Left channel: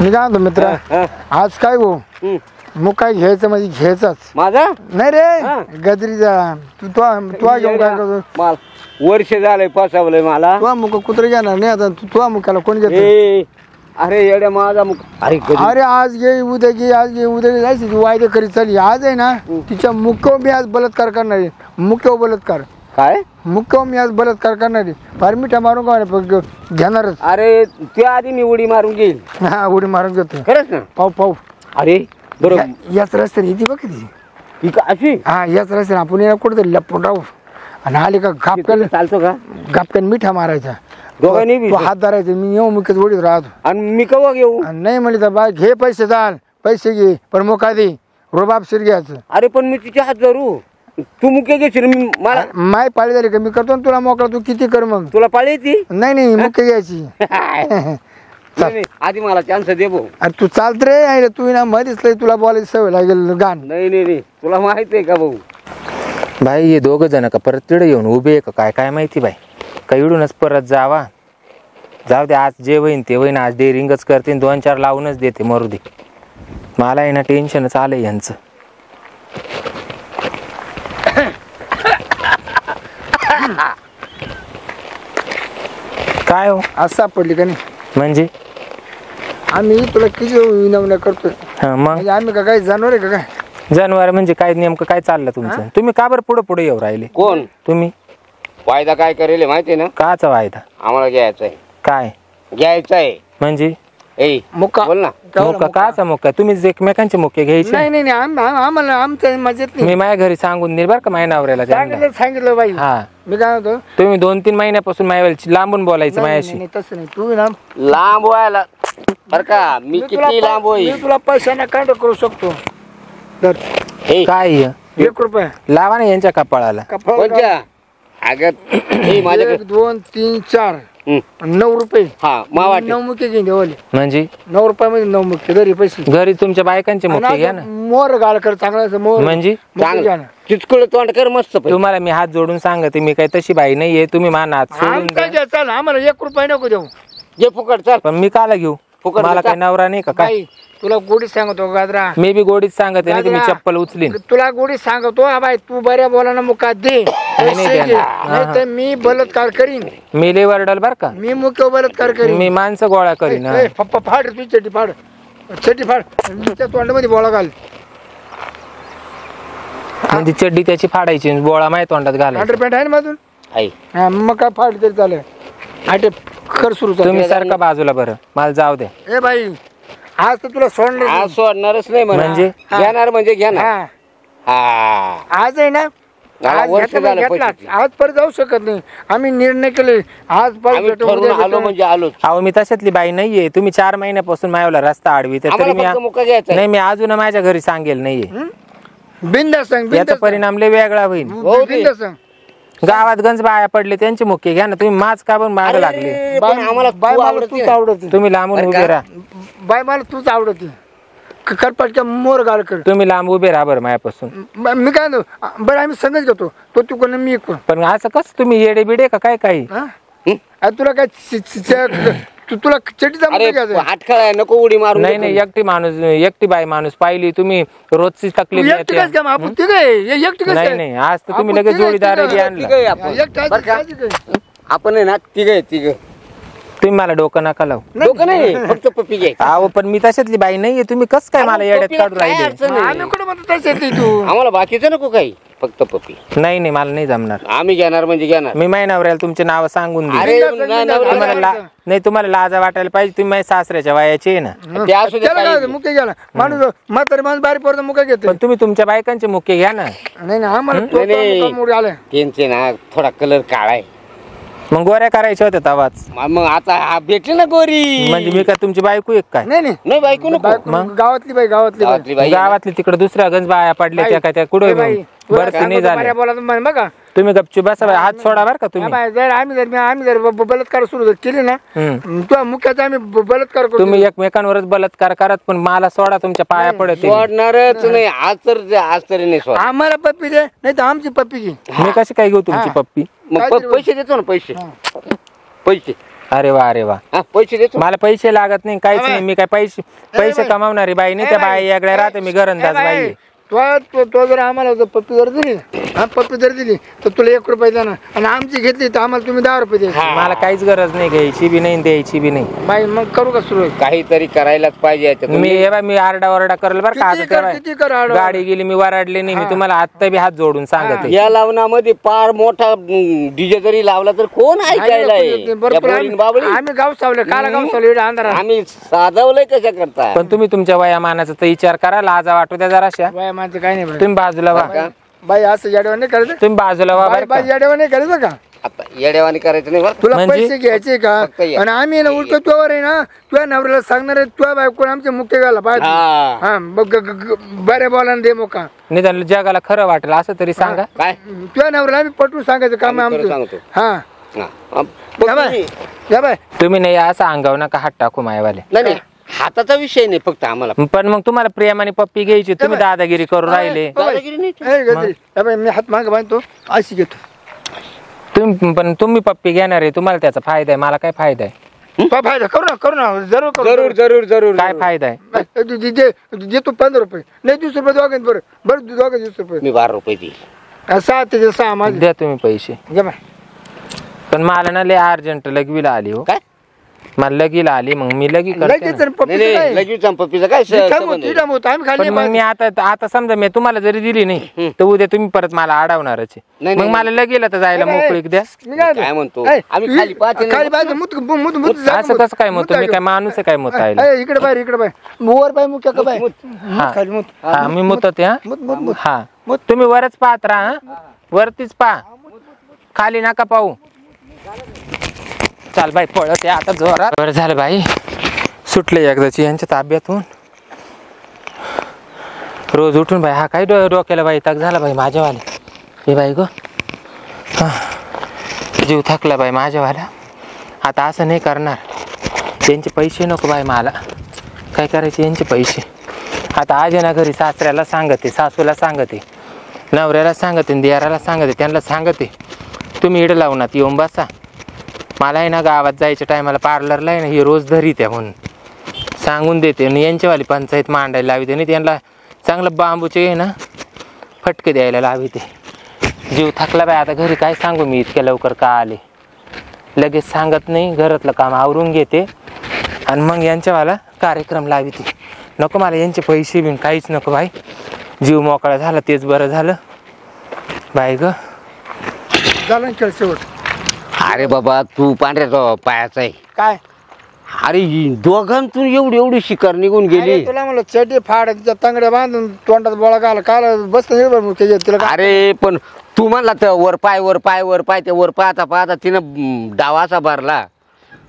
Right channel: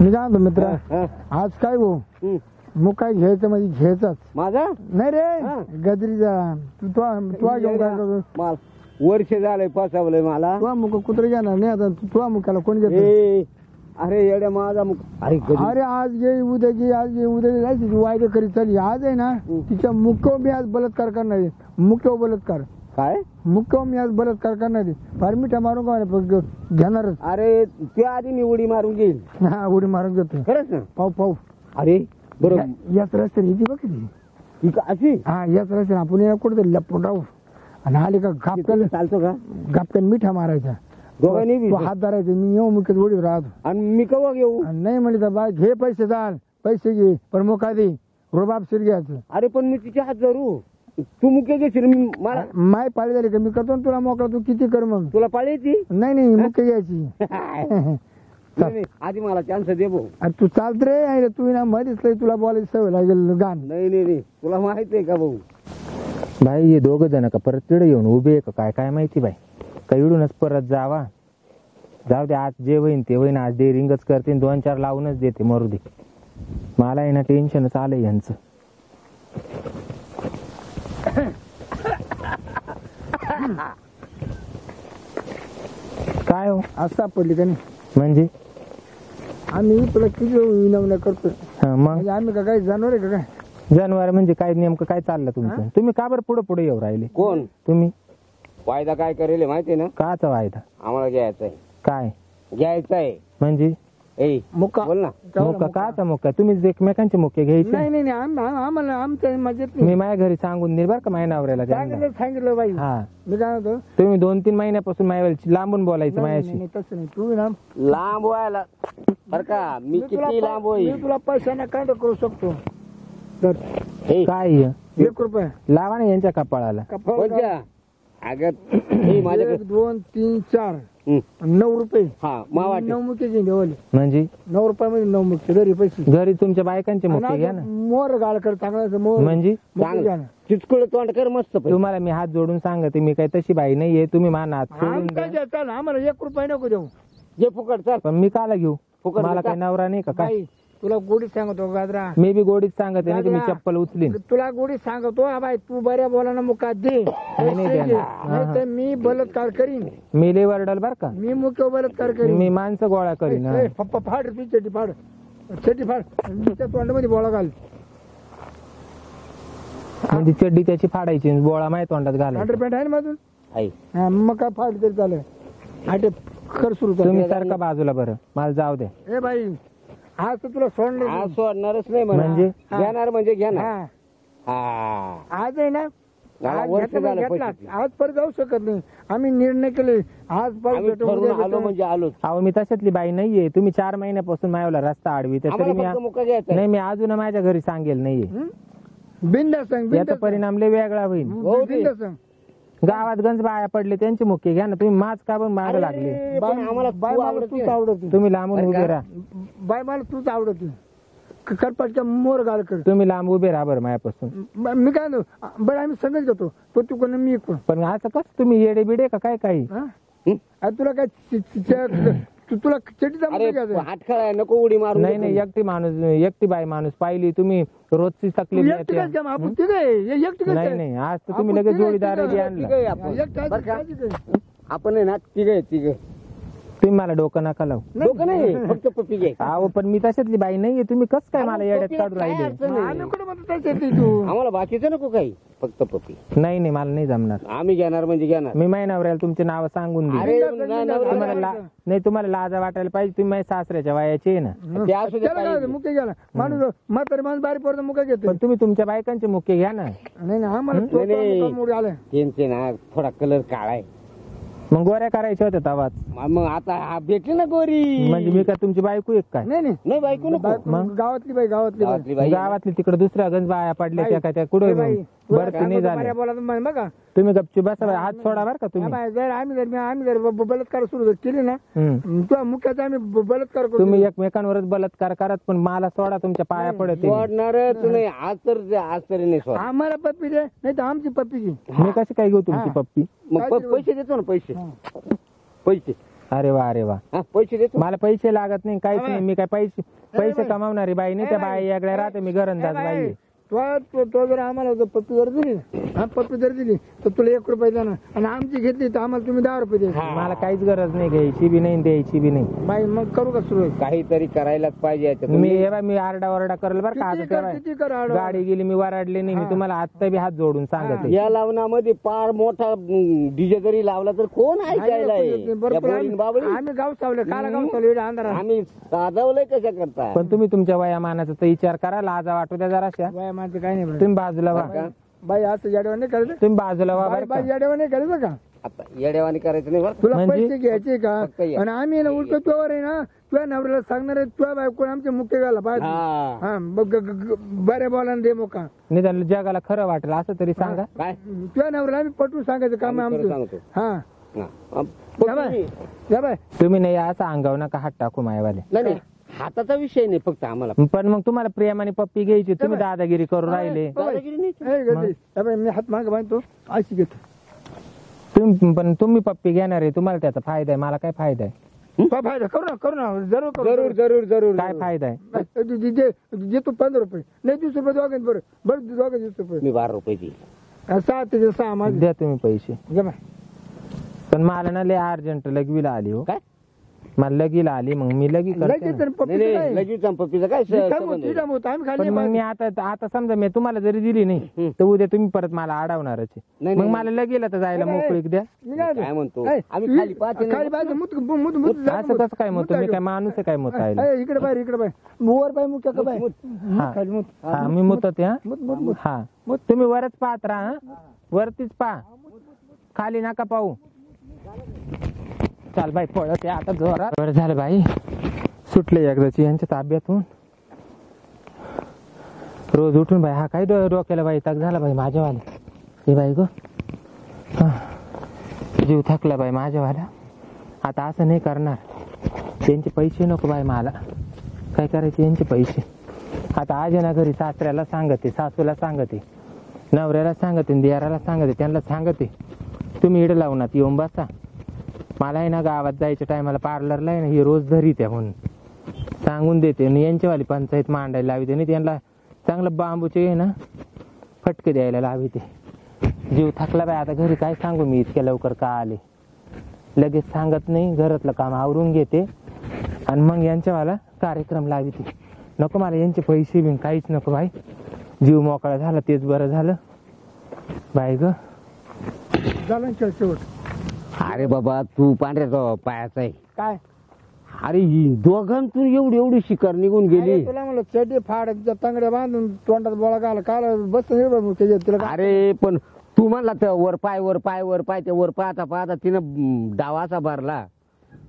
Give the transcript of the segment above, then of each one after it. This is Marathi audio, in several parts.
मी काय म्हणतो मित्र, आज काय हो मग काय घ्यायचं म्हणजे घ्यायचाच माझा नाही रे गजरीचा. तू घेऊन काय करतो? वर्ष झालंय फसवलंय मला. तुझा मुख कुत्र घेणार नाही आता. तुझा मुखाला कोण घेत? अरे येड्या माझा मुख. अरे आज घे उद्या घे, आज घे उद्या घे, जायची वायदे करीत चालली. आज आहे ना तिच्या मुख्य मी आज बलात्कार करणार आहे. मुख्य बलात्कार काय मुख्य मी आज बलात्कार करणार आहे. फार मिठा मारून का घेणारच. अरे त्या आधी मी उडी मारून घेईल. हा उडी मारून घेतो खरंच ना. पाहू अरे बरोबर याच रस्त्याने येते बघ ती. अशी हा याच रस्त्याने आपण याला कुठेतरी लपून राहू आणि आले का घापक्याला चालतो का? घापक्यान मिठा मारायचा. दोघांनी तू हात धरायचा. मी येऊ मुख्यच उडीत राहतो. आणि मी कवा घेऊ? नाही म्हणले तर बा घे पैसे चाल पैसे घे पण मोका दे रोबाबशीर घ्यायचं. अरे पण मी तिच्या हात धरू. तू मुख्य घेशील मला. माय पाळी झाली का मी करतो ना तुला मोकळा. तू किती कर मग. तुला पाळी येते? नाही मुख्य घ्यायची. आधी मला चान्स दे भाऊ. अरे तू चालत रे आहे तू ना मध्येच तुला बोलायची सवय लागेल गाण. नाही तुला माहित आहे का भाऊ? भाई हे दोघं जण का परत तिकडे येऊन उभे आहे का काय माहिती बाई. का इडूनच परत जावा. जाऊ दे आज जे होईन ते होईन. आज डेअरिंगच करते 2-4 लावूनच देते मरू दे. मला आहे ना टेन्शनच आलंय यांचं. काय हो आज सापडली का नाही म्हणजे आम्ही तुला किती विनवण्या करतोय. मग म्हणजे आम्ही का काही जनावर आहे का काय? जनावर म्हणजे काय नेमकं काय चाललं तुमचं? तुम्ही का बरं पुढे येऊ राहिले? कोण तुम्ही वायदा काय करेल माहितीये ना? काचा वायदा? आम्हाला घ्यायचंय. काय घ्यायचंय म्हणजे? मुक्का बोल ना. मुक्का काचा मुक्का? तुम्ही एकमेकांचे मुक्के घ्यायचे? नाही आम्हाला आमच्या मजेत नाही. मी माझ्या घरी सांगून दे बरं का माझ्या नवऱ्याला. सांगितलं बाई. हा मी काय म्हणतो तुम्ही 2-3 महिन्यापासून माझ्याशी लांबून बोलायचं माझ्याशी. नाही तसं नाही. तू ना लांब व्हायला बर का मी किती लांब होईल. मी तुला पैशाने काढ करू शकतो. तर काय 1 रुपया लावा ना यांच्या कपाळाला. कोणत्या? अगं माझ्याकडे 2 3 4 9 रुपये. हा मावा 9 मुके घेऊन देवले. म्हणजे 9 रुपयामध्ये 9 मुके घरी पैसे. घरी तुमच्या बायकांचे मुक्के घ्या ना. मोर गाळ कर चांगला मोर. म्हणजे चिचकुळ तोंड कर मस्त. तुम्हाला मी हात जोडून सांगते मी काही तशी बाई नाहीये. तुम्ही मान हात सोडून द्या. चाल आम्हाला 1 रुपया नको देऊ. जे फुकट चाल. पण मी काला घेऊ? फुकट मला काही नवरा नाही का काय? तुला गोडी सांगतो गाजरा. मी बी गोडीत सांगते नाही तुम्ही चप्पल उचलीन. तुला गोडी सांगतो बाई तू बऱ्या बोलाना मुका दे. नाही तर मी बलात्कार करीन. मी लय वरडल बर का. मी मुख्य बलात्कार करीन. मी माणसं गोळा करीन. फाड तू चटी फाड त्या तोंडामध्ये बोळा घाल. म्हणजे चड्डी त्याची फाडायची बोळा माझ्या तोंडात घालायचा. अंडरपॅन्ट आहे ना मधून? मग काय फाड तरी चालेल. आटे कर सुरू. तुम्ही सारखा बाजूला बरं मला जाऊ द्या. ए बाई आज तर तुला सोडणार. आज सोडणारच नाही म्हणजे घेणार म्हणजे घेणार. आज आहे ना आज परत जाऊ शकत नाही. आम्ही निर्णय केले आज आलो म्हणजे आलो. अहो मी तशातली बाई नाहीये. तुम्ही 4 महिन्यापासून माझ्याला रस्ता आडवी तरी मी नाही. मी अजून माझ्या घरी सांगेल नाहीये. बिंदास सांग. याचा परिणाम लय वेगळा होईल. बिंदास सांग. गावात गंज बाया पडले त्यांचे मुख्य घ्या ना. तुम्ही माझ का पण मागे लागले? बाय मला तूच आवडते. तुम्ही लांबून उभे राहा. बाय मला तूच आवडते. करपाटच्या मोर गाळ कर. तुम्ही लांब उभे राहा बरं माझ्यापासून. मी काय म्हणतो बरं आम्ही संगच घेतो. तो तू कोण मी कोण. पण असं कसं तुम्ही येडे बिडे का काय काही? तुला काय तुला चटी हात खेळाय नको उडी मारू. नाही एकटी बाई माणूस पाहिली तुम्ही रोजची तकलीफ नाही. आज तर तुम्ही लगेच जोडीदार आपण आहे ना तिघ. तुम्ही मला डोकं नका लावू. डोकं नाही फक्त पप्पी घे. अहो पण मी तशातली बाई नाहीये. तुम्ही कसं काय मला येड्यात काढून राहिले? आम्हाला बाकीचं नको काही फक्त पप्पी. नाही मला नाही जमणार. आम्ही घेणार म्हणजे घेणार. मी माझ्या नवऱ्याला तुमचे नाव सांगून दे. नाही तुम्हाला लाजा वाटायला पाहिजे. तुम्ही माझ्या सासऱ्याच्या वयाचे आहे ना. मुके घ्या ना. माणूस म्हातारी माणूस बारीक पडतो मुका घेतो. पण तुम्ही तुमच्या बायकांचे मुख्य घ्या ना. नाही आम्हाला त्यांचे ना थोडा कलर काळा आहे. मग गोऱ्या करायच्या होत्या तवाच. मग आता भेटली ना गोरी. म्हणजे मी काय तुमची बायको एक काय? नाही बायको नको. गावातली बाई गावातली तिकडे दुसऱ्या गंज बाया पडल्या त्या काय त्या कुठे बरं नाही झाले. बघा तुम्ही गपचूप बसा. हात सोडा बर का तुम्ही. जर आम्ही जर बलात्कार सुरू केली ना तुझ्या मुख्याचा आम्ही बलात्कार करतो. तुम्ही एकमेकांवरच बलात्कार करत पण मला सोडा तुमच्या पाया पडत. सोडणारच नाही. आज तरी नाही सोड. आम्हाला पप्पी दे नाही तर आमची पप्पी घे. मी कशी काय घेऊ तुमची पप्पी? पैसे देतो ना पैसे. अरे वा अरे वा. हा, पैसे देतो. मला पैसे लागत नाही काहीच नाही. मी काय पैसे कमावणारी बाई नाही. त्या बाई याकडे राहते. मी घरंदाज बाई आहे. तो जर आम्हाला पप्पी जर दिली पप्पी जर दिली तर तुला 1 रुपये देणार आणि आमची घेतली तर आम्हाला तुम्ही 10 रुपये द्यायचे. मला काहीच गरज नाही घ्यायची बी नाही द्यायची बी नाही. बाई मग करू का सुरू काहीतरी करायलाच पाहिजे याच्यात. मी आरडा ओरडा करेल बरं का. किती कर आता गाडी गेली मी वराडले नाही. मी तुम्हाला आत्ता बी हात जोडून सांगते. या लावण्यामध्ये पार मोठा डीजे जरी लावला तर कोण ऐकायला आहे? बरोबर. या पोरीन बाबळी. आम्ही गाव सावले काला गाव सावले एवढ्या अंधारात आम्ही साधवलंय कशा करता? पण तुम्ही तुमच्या वयामानाचा तर विचार करा. लाजा वाटू द्या जराशा. बाय माझं काही नाही बाई. तुम्ही बाजूला वा. बाई असं येड्यावर नाही करायचं. तुम्ही बाजूला वा बरं का. बाई येड्यावर नाही करायचं का. आता येड्यावानी करायचं नाही बरं. तुला म्हणजे? पैसे घ्यायचे का फक्त ये. आणि आम्ही ना उलट तुझ्यावर आहे ना तुझ्या नवऱ्याला सांगणार आहे तुझ्या बायको आमचे मुख्य गाला पाहिजे. हा. हा बऱ्या बोलानं दे मोका. निदान जगाला खरं वाटेल असं तरी सांगा. काय तुझ्या नवऱ्याला आम्ही पटवून सांगायचं काम आहे आम्ही खरं आमचं. सांगतो. हा हा. या बाय या बाय. तुम्ही नाही असं अंगावर नका हात टाकू मायवाले. नाही हाताचा विषय नाही फक्त आम्हाला. पण मग तुम्हाला प्रेमाने पप्पी घ्यायची. तुम्ही दादागिरी करू राहिले. दादागिरी नाही. ए, गजरी. या बाय मी हात मागे बांधतो अशी घेतो. तुम्ही पप्पी घेणार आहे. तुम्हाला त्याचा फायदा आहे. मला काय फायदा आहे? तो फायदा करू ना जरूर करू. जरूर जरूर जरूर. काय फायदा आहे? देतो 15 रुपये नाही 20 रुपये दोघांत बरं 20 रुपये मी 12 रुपये देईल. 6 ते 6 माझे द्या तुम्ही पैसे. घे बाय. पण मला ना लय अर्जंट लगवीला आली हो. काय मला लगीला आली मग मी लगी करते लगेच ना. जर पप्पीचं नाही काय? लगेच संपत्तीचं काय मी संबंध थांबवतो, आहे? थांबवतो. आम्ही खाली पण मग मी आता समजा मी तुम्हाला जरी दिली नाही तर उद्या तुम्ही परत मला अडवणारच आहे. नाही, मग नाही, मला लगीला तर जायला मोकळीक द्या. मी काय काय म्हणतो? ए, आम्ही तू- खाली पाहते ना. खाली पाहते मुत असं कसं काय मग तुम्ही काय माणूस आहे काय मत आहे? इकडे बाहेर इकडे बाहेर वर बाय मुख्य का बाय हा. खाली मुत हा मी मुतते हा. मुत मुत मुत हा तुम्ही वरच पाहत राहा. वरतीच पहा खाली नका पाहू. चाल बाई पळत आहे आता जोरात. बरं झालं बाई सुटले एकदाची यांच्या ताब्यातून. रोज उठून बाई हा काय डोक्याला बाई ताक झाला बाई माझ्यावाले. हे बाई गो जीव थकला बाई माझ्यावाला. आता असं नाही करणार. त्यांचे पैसे नको बाई मला. काय करायचे यांचे पैसे. आता आज आहे ना घरी सासऱ्याला सांगते सासूला सांगते नवऱ्याला सांगते दियाराला सांगते त्यांना सांगते तुम्ही इडं लावूनात येऊन बसा. मला आहे ना गावात जायच्या टायमाला पार्लरला आहे ना ही रोज धरी त्या म्हणून सांगून देते. आणि यांच्यावाली पंचायत मांडायला लावते आणि त्यांना चांगलं बांबूचे आहे ना फटके द्यायला लावते. जीव थकला बाई आता घरी काय सांगू मी इतक्या लवकर का आले. लगेच सांगत नाही घरातलं काम आवरून घेते आणि मग यांच्यावाला कार्यक्रम लावते. नको मला यांचे पैसे बिन काहीच नको बाई. जीव मोकळा झाला तेच बरं झालं बाई ग. झालं ना खेळ शेवट. अरे बाबा तू पांढऱ्या पायाचा आहे. काय अरे दोघांतून एवढी शिकार निघून गेली. अरे तुला म्हणलं चटी फाड तिच्या तांगड्या बांधून तोंडात बोळा घाल काल बस तिला काय? अरे पण तू म्हणला तर वर पाय ते वर पाहता तिनं डावाचा भरला.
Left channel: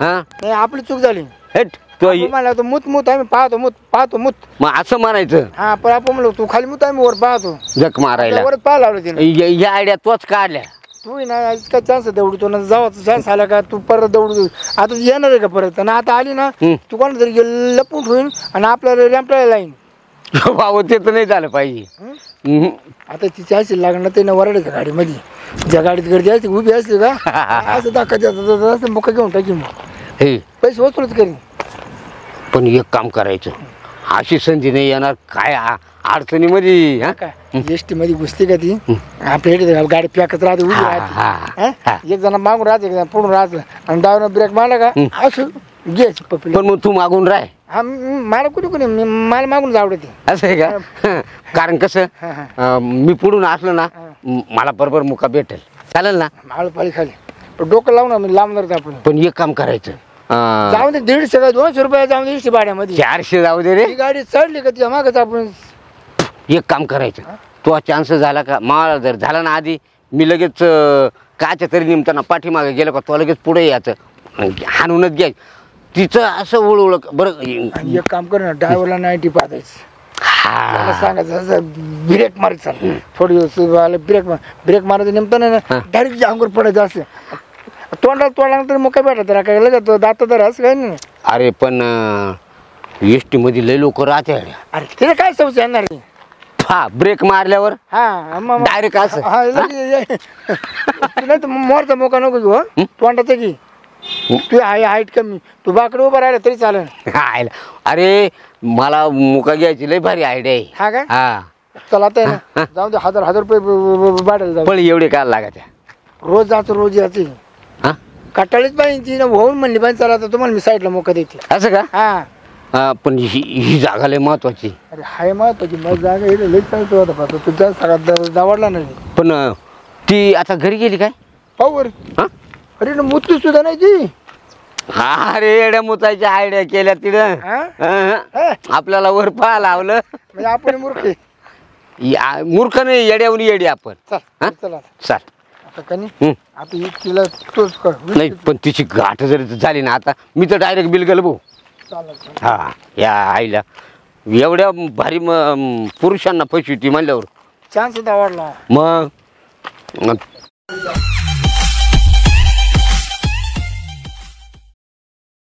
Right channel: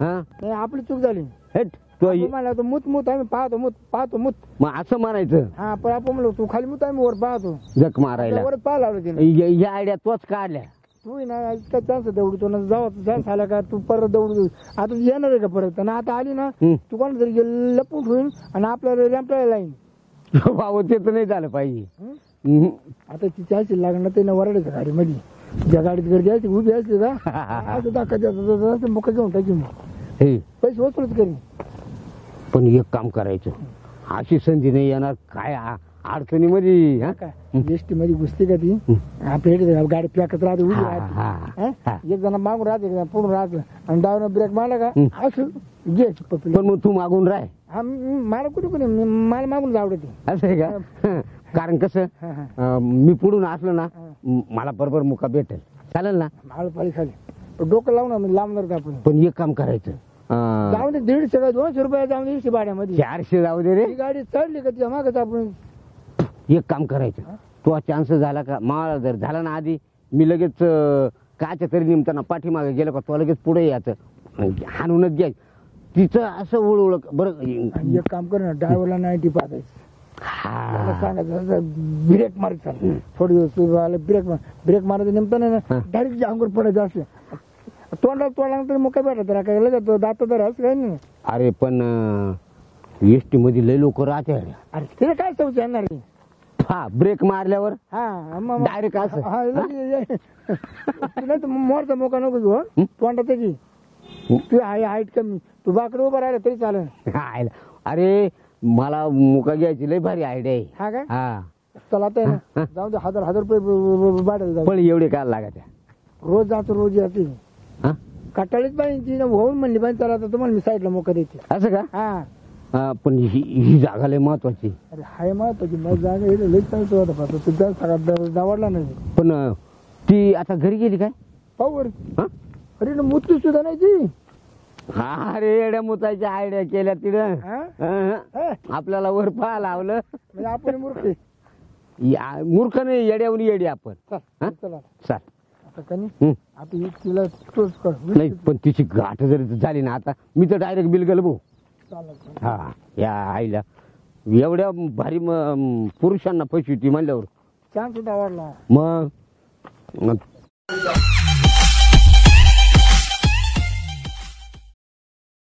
हा नाही आपली चूक झाली. हेट तो आपण म्हणलं होतं मुत आम्ही पाहतो मुत. मग असं म्हणायचं. हा पण आपण म्हणलो तू खाली मुत आम्ही वर पाहतो. जक मारायला वरच पाहा लावलं तिने. या आयडिया तोच काढल्या. तू ना काय चान्स दौडू तो ना जावाचा चान्स आला का तू परत दौडू. आता येणार आहे का परत आणि आता आली ना तू कोणा तरी लपून ठेवून आणि आपल्याला रॅम्पला लाईन. भाऊ ते तर नाही झालं पाहिजे. हम्म. आता तिची अशी लागणार ते ना वरड का गाडीमध्ये ज्या गाडीत गर्दी असते उभी असते का असं दाखवायचं मुका घेऊन टाकी मग हे पैसे वसूलच करीन. पण एक काम करायचं अशी संधी नाही येणार काय अडचणीमध्ये. हा? काय एसटी मध्ये घुसते का ती आपल्या इथे गाडी पॅकच राहते उभी राहते. हा? एक जण मागून राहते एक जण पुढून राहते आणि डावनं ब्रेक मारला का असं घ्यायची पप्पी. पण मग तू मागून राह. हा मला कुठे मला मागून आवडते. असं आहे का. कारण कसं मी पुढून असलो ना मला बरोबर मुका भेटेल. चालेल ना. आळपाळी खाली पण डोकं लावून मी लांबणार आपण. पण एक काम करायचं जाऊ दे 150 का 200 रुपये जाऊ दे एसटी भाड्यामध्ये. 400 जाऊ दे रे. ही गाडी चढली का तिच्या मागच आपण. एक काम करायचं तो चान्स झाला का मला जर झाला ना आधी मी लगेच काच्या तरी निमताना पाठीमागे गेलो का तो लगेच पुढे यायचं हाणूनच घ्यायचं तिचं असं ओळख बरं. आणि एक काम कर ना ड्रायव्हरला 90 पाहायचं. त्याला सांगायचं असं ब्रेक मारायचं थोडी ब्रेक मारायचं नेमतं ना डायरेक्ट अंगूर पडायचं असं तोंडाला तर मग काय भेटत त्याला काय लगेच दात तर असं काही नाही. अरे पण एसटी मध्ये लय लोक राहते. अरे तिला काय सवय येणार आहे. हा ब्रेक मारल्यावर हा डायरेक्ट असं नाही तर मोरचा मोका नको घेऊ तोंडाचा की तू हाईट कमी तू बाकडे उभा राहिला तरी चालेल. आयला. अरे मला मुका घ्यायची लय भारी आयडिया आहे. हा काय हा चला आता आहे ना जाऊ दे 1000 रुपये भाड्याला जाऊ पण एवढे काय लागायच्या. रोज जातो रोज यायची हा कटाळीच पाहिजे ती ना होऊन म्हणली पाहिजे चला आता तुम्हाला मी साईडला मोका देते. असं का. हा हा पण ही जागा लय महत्वाची. अरे हाय महत्वाची मग जागा इथे लई चालतो आता पाहतो तुझ्या सगळ्यात दावडला नाही पण ती आता घरी गेली काय. पाहू रे हा अरे ना मुतली सुद्धा नाही ती. हा अरे एड्या मुताच्या आयडिया केल्या तिथं. हा? आपल्याला वर पहा लावलं. म्हणजे आपण मूर्ख आहे. मूर्ख नाही येड्यावर येडी आपण. चल हा? चला चाल. आता कनी हम्म. आता ही तिला तोच कर नाही पण तिची गाठ जरी झाली ना आता मी तर डायरेक्ट बिल गेलो भाऊ. चालेल हा या आईला एवढ्या भारी पुरुषांना पैसे ती म्हणल्यावर चान्स दावडला मग